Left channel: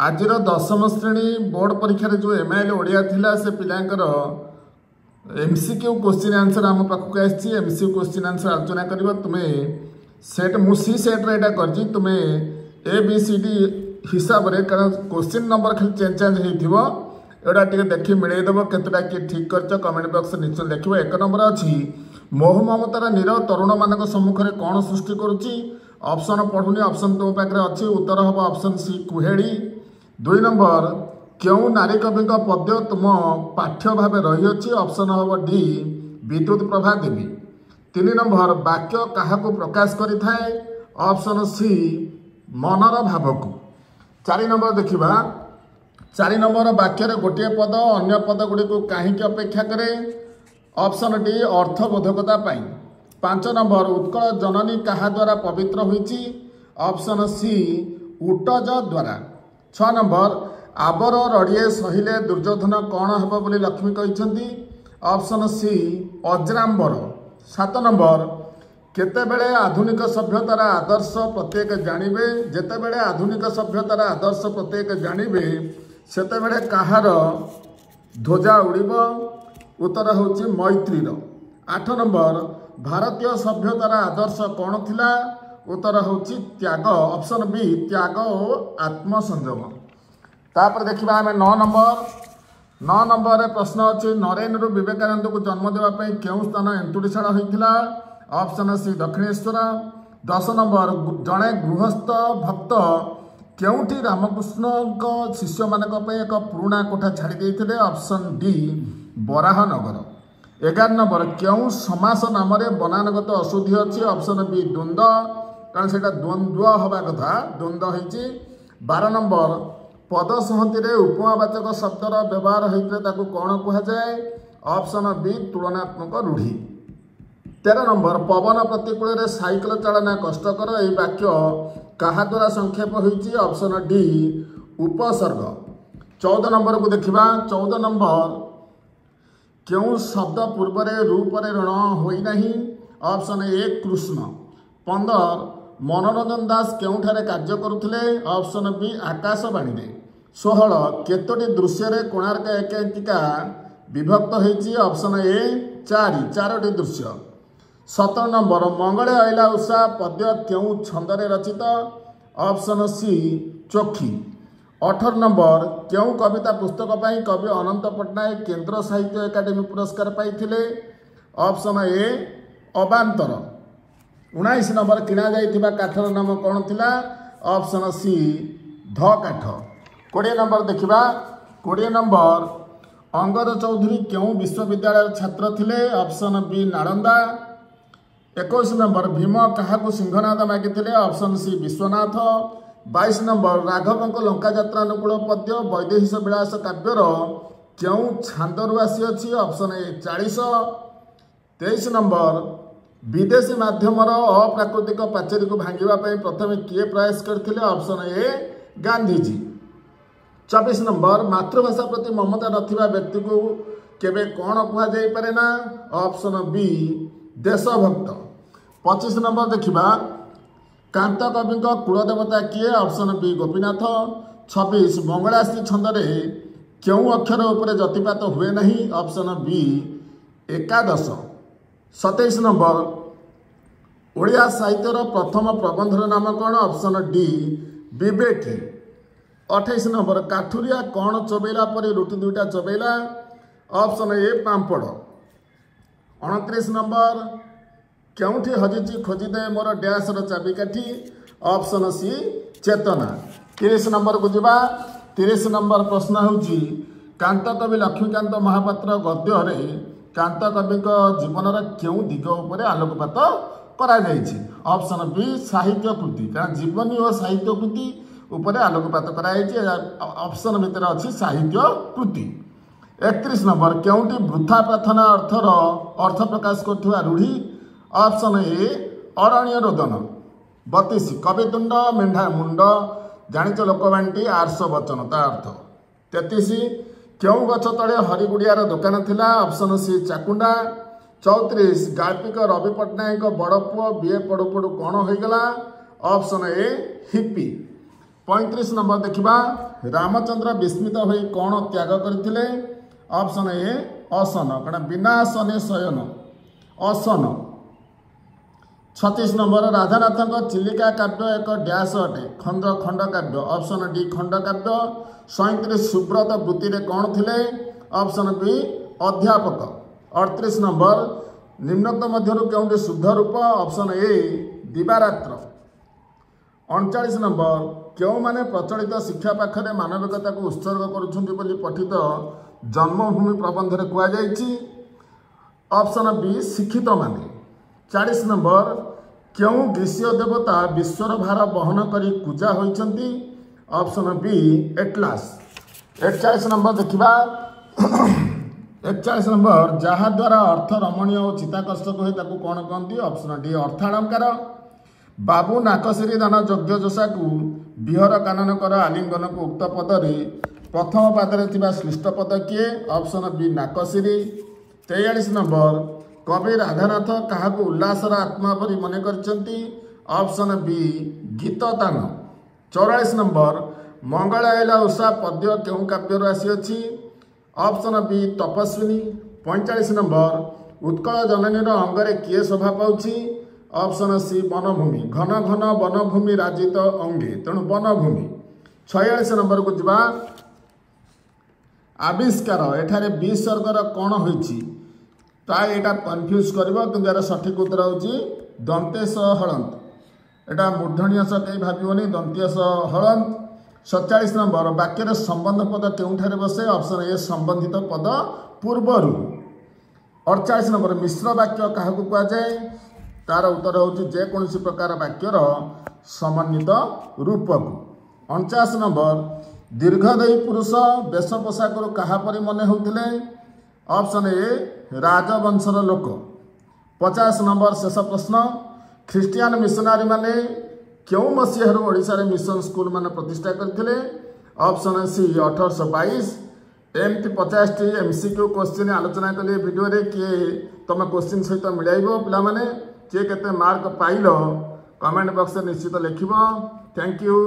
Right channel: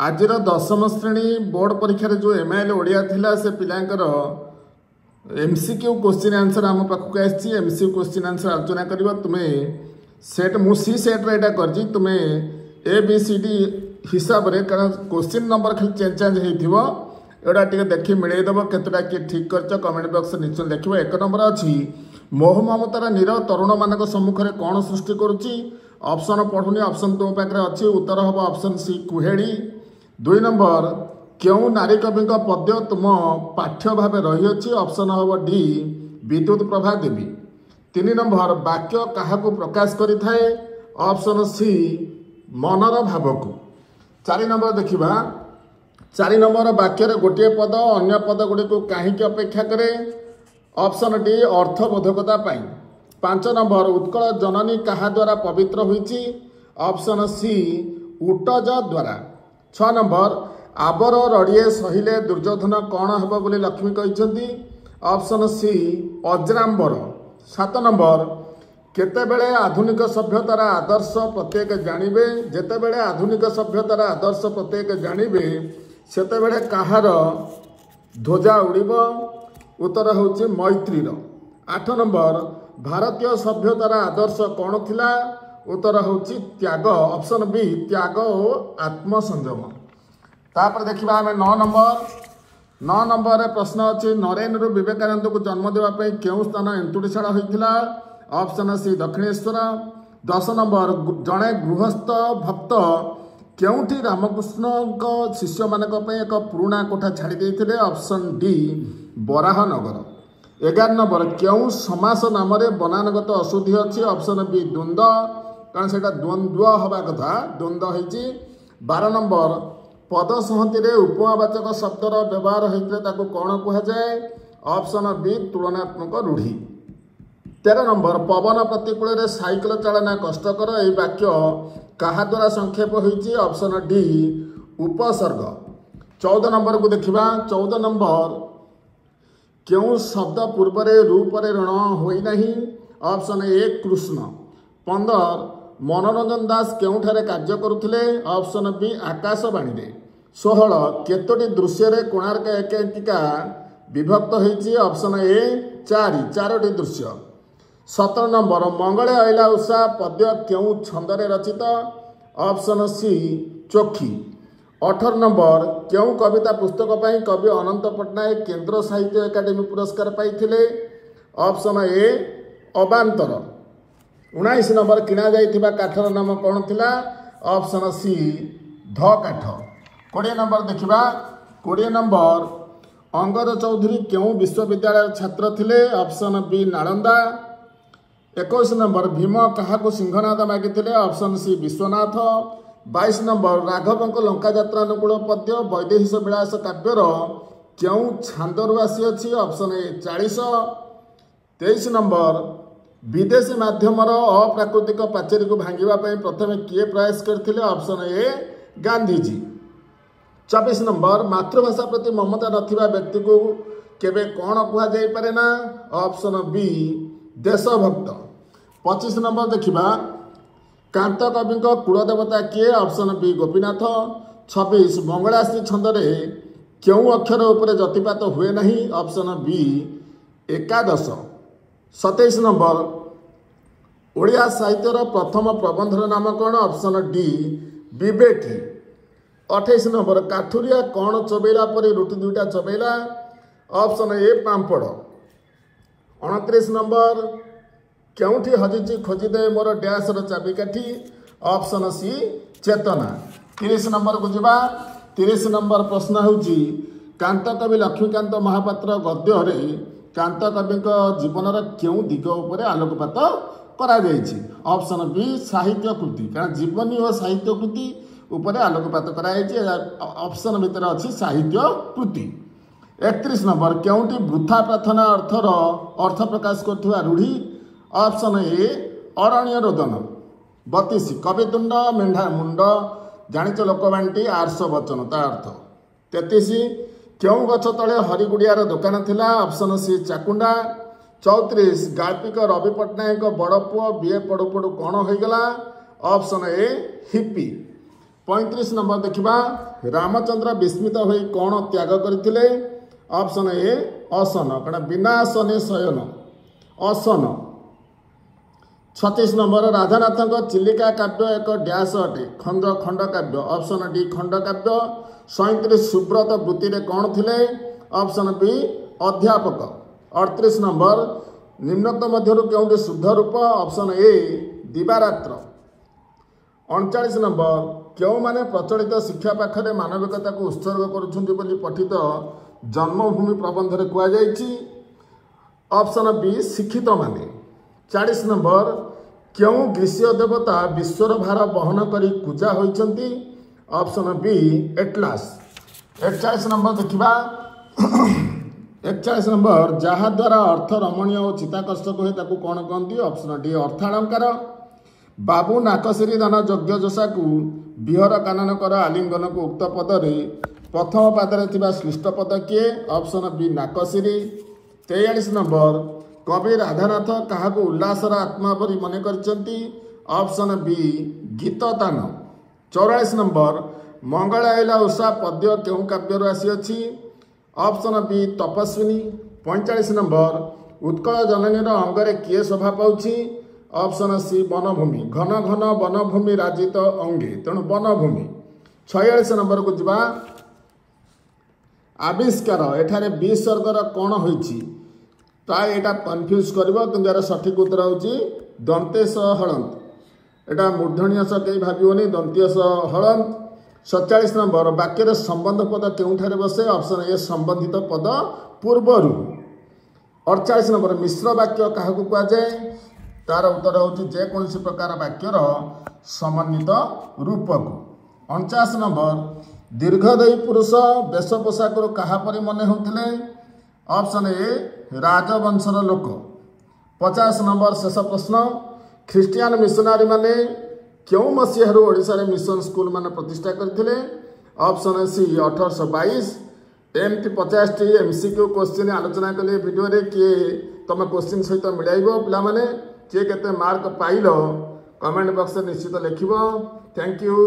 आज दशम श्रेणी बोर्ड परीक्षा जो एमआईएल ओडिया थिला से पिलांकर एमसीक्यू क्वेश्चन आंसर आम पाखक आसी एमसीक्यू क्वेश्चन आंसर आलोचना कर तुम्हें सेट मुसी सेट रे कर तुम्हें ABCD हिसाब रे कारण क्वेश्चन नंबर खाली चेंज होइथिबो एटा टिके देखि मिले देबो केतटा के ठीक करछ कमेंट बॉक्स निश्चय देखिबो। एक नंबर अछि मोह ममतार नीर तरुण मानक सम्मुख रे कोन सृष्टि करूची ऑप्शन पढुनी ऑप्शन तो पाखरे अछि उत्तर हबो ऑप्शन सी कुहेड़ी। 2 नंबर क्यों नारी कवि पद्य तुम पाठ्य भाव रही ऑप्शन हम डी विद्युत प्रभा देवी। 3 नंबर वाक्य क्या प्रकाश करें ऑप्शन सी मनर भाव को। 4 नंबर देखा 4 नंबर वाक्य गोटे पद अन्य पद गुड़ी को कहीं अपेक्षा करे ऑप्शन डी अर्थबोधकता। 5 नंबर उत्कल जननी क्या द्वारा पवित्र होती ऑप्शन सी उटज द्वारा। 6 नंबर आबर रड़िए सहिले दुर्योधन कौन हम बोली लक्ष्मी कहते ऑप्शन सी अजराम्बर। 7 नंबर केतेबेले आधुनिक सभ्यतार आदर्श प्रत्येक जानवे जेतेबेले आधुनिक सभ्यतार आदर्श प्रत्येक जानवे सेतेबेले कहार ध्वजा उड़िब उत्तर होची मैत्रीर। 8 नंबर भारतीय सभ्यतार आदर्श कौन थिला उत्तर होची त्याग ऑप्शन बी त्याग और आत्मसंयम। तापर देखिबा हमें 9 नंबर प्रश्न अच्छी नरेन्द्र विवेकानंद को जन्म देवाई क्यों स्थान एंतुड़ीशाला होता ऑप्शन सी दक्षिणेश्वर। 10 नंबर जड़े गृहस्थ भक्त क्योंठी रामकृष्ण शिष्य मान एक पुराणा कोठा छाड़ी देते ऑप्शन डी बराहनगर। 11 नंबर क्यों समास नाम बनानगत अशुद्धि अच्छी ऑप्शन बी द्वंद्व कारण से द्वंद्व हवा कथा द्वंद्व होती। 12 नंबर पद संहति उपमावाचक शब्दर व्यवहार होता कौन कहुए ऑप्शन बी तुलनात्मक रूढ़ी। 13 नंबर पवन प्रतिकूल साइकिल चालना कष्टकर यह वाक्य क्या द्वारा संक्षेप होती ऑप्शन डी उपसर्ग। 14 नंबर को देखा 14 नंबर क्यों शब्द पूर्व रूप ऋण होना ऑप्शन ए कृष्ण। 15 मनोरंजन दास क्योंठारे कार्य करुले ऑप्शन बी आकाशवाणी। 16 केतोटी दृश्य कोणार्क एकांकिका विभक्त होती ऑप्शन ए 4टी दृश्य। 17 नंबर मंगले अला उषा पद्य क्यों छंदरे रचित ऑप्शन सी चोखी। 18 नंबर क्यों कविता पुस्तक पर कवि अनंत पट्टनायक केंद्र साहित्य एकाडेमी पुरस्कार पाइथिले ऑप्शन ए अबांतर। 19 नंबर किणा जाइथिबा काठर नाम कौन थिला ऑप्शन सी ध काठ। 20 नंबर देखिबा 20 नंबर अंगर चौधरी क्यों विश्वविद्यालय छात्र थिले option B Nalanda. 21 number Bhim क्या सिंहनाद मागिथिले ऑप्शन सी विश्वनाथ। 22 नंबर राघव लंका यात्रानुकूल पद्य वैदेहिश विलास काव्यर क्यों छांदरू आसी अच्छी ऑप्शन ए 40। 23 नंबर विदेशी माध्यम अप्राकृतिक पाचेरी को भांगापी प्रथम किए प्रयास करते ऑप्शन ए गांधीजी। 24 नंबर मातृभाषा प्रति ममता रखा व्यक्ति को केवे कौन कहुए ना ऑप्शन बी देशभक्त। 25 नंबर देखा कांत कवि कुलदेवता किए ऑप्शन बी गोपीनाथ। 26 मंगलास्त्री छंदरे क्यों अक्षर उपर जतिपात हुए नहीं ऑप्शन बी एकादश। 27 नंबर ओडिया साहित्यर प्रथम प्रबंधर नाम कौन ऑप्शन डी विवेकी। 28 नंबर काठुरिया कौन चबेला पर रुटी दुईटा चबेला ऑप्शन ए पांपड़। 29 नंबर क्योंठी हजिची खोजिदे मोर डैशर चाबिकाठी ऑप्शन सी चेतना। 30 नंबर को जीवा 30 नंबर प्रश्न होची कांत कवि लक्ष्मीकांत महापात्र गद्य कांत कवि जीवन क्यों दिग उपर आलोकपात करा ऑप्शन बी साहित्य कृति कारण जीवनी और साहित्य कृति उपर आलोकपात कराई ऑप्शन भितर अच्छी साहित्य कृति। 31 नंबर क्योंटी वृथा प्रार्थना अर्थर अर्थ प्रकाश कर रूढ़ी ऑप्शन ए अरण्य रोदन। 32 कवितुंड मेढा मुंड जानिच लोकवाणी आर्ष वचन ता अर्थ। 33 क्यों गछ तले हरिगुड़ियार दुकान थिला ऑप्शन सी चाकुंडा। 34 गाल्पिक रवि पट्टनायक बड़ पुओ बीए पढ़ु पढ़ु कौन होगला ऑप्शन ए हिप्पी। 35 नंबर देखिबा रामचंद्र विस्मित होई कोन त्याग करथिले ऑप्शन ए असन कण बिना आसने शयन असन 36 नंबर राधानाथ चिलिका काव्य एक डैश अटे खंड काव्य ऑप्शन डी खंड काव्य 37 सुब्रत वृत्ति रे कोन थिले ऑप्शन बी अध्यापक 38 नंबर निम्नोक्त मध्यरु केउंटे शुद्ध रूप ऑप्शन ए दिवारात्र 39 नंबर क्यों माने प्रचलित शिक्षा पाखरे मानविकता को उत्सर्ग करुछन्ति बोली पठित जन्मभूमि प्रबंध रे कुआ जायछि ऑप्शन बी शिक्षित माने 40 नंबर क्यों ग्रीष्य देवता विश्वर भार बहन करी पूजा होइछन्ति ऑप्शन बी एटलास 41 नंबर देखिबा 41 नंबर जहा द्वारा अर्थ रमणीय और चिताकर्षक हुए ताकू कौन कहती ऑप्शन डी अर्थालंकार बाबू नाकसिरी दान यज्ञ जशा को विहर काननकर आलिंगन को उक्त पदरे प्रथम पादरे थिबा श्लिष्ट पद किए ऑप्शन बी नाकसिरी 43 नंबर कवि राधानाथ क्या उल्लासर आत्मा परी मन करछन्ति ऑप्शन बी गीत दान 44 नंबर मंगल आइला उषा पद्य केउ काव्य आसी अछि ऑप्शन बी तपस्विनी 45 नंबर उत्कल जननी अंगरे किए शोभा पाउछि ऑप्शन सी वनभूमि घन घन वनभूमि राजित अंगे तेणु वनभूमि 46 नंबर को जिबा आविष्कार एठारे विसर्गर कौन होइछि ता एटा कंफ्यूज करबो तो यार सठिक उत्तर होछि दंतेश हलंत एटा मूर्धन्य स के भाबियोनी दंतेश हलंत 47 नंबर वाक्य संबंध पद केउठारे बसे ऑप्शन ए संबंधित पद पूर्वरु 48 नंबर मिश्र वाक्य क्या कुआ जाए तार उत्तर होछि जे कोनसी प्रकार वाक्यर समन्वित रूप को 49 नंबर दीर्घदेही पुरुष वेश पोशाक क्या परि मने होउथिले ऑप्शन ए राजवंशर लोक 50 नंबर शेष प्रश्न ख्रिस्टियन मिशनारी माने क्यों मसीह ओडिशा रे मिशन स्कूल माने प्रतिष्ठा करथिले ऑप्शन सी 1822 एमती 50 टी एमसीक्यू क्वेश्चन आलोचना कले वीडियो रे कि तुम क्वेश्चन सहित मिलाइबो पिला माने के केते मार्क पाइलो कमेंट बॉक्स में निश्चित लिखिबो थैंक यू।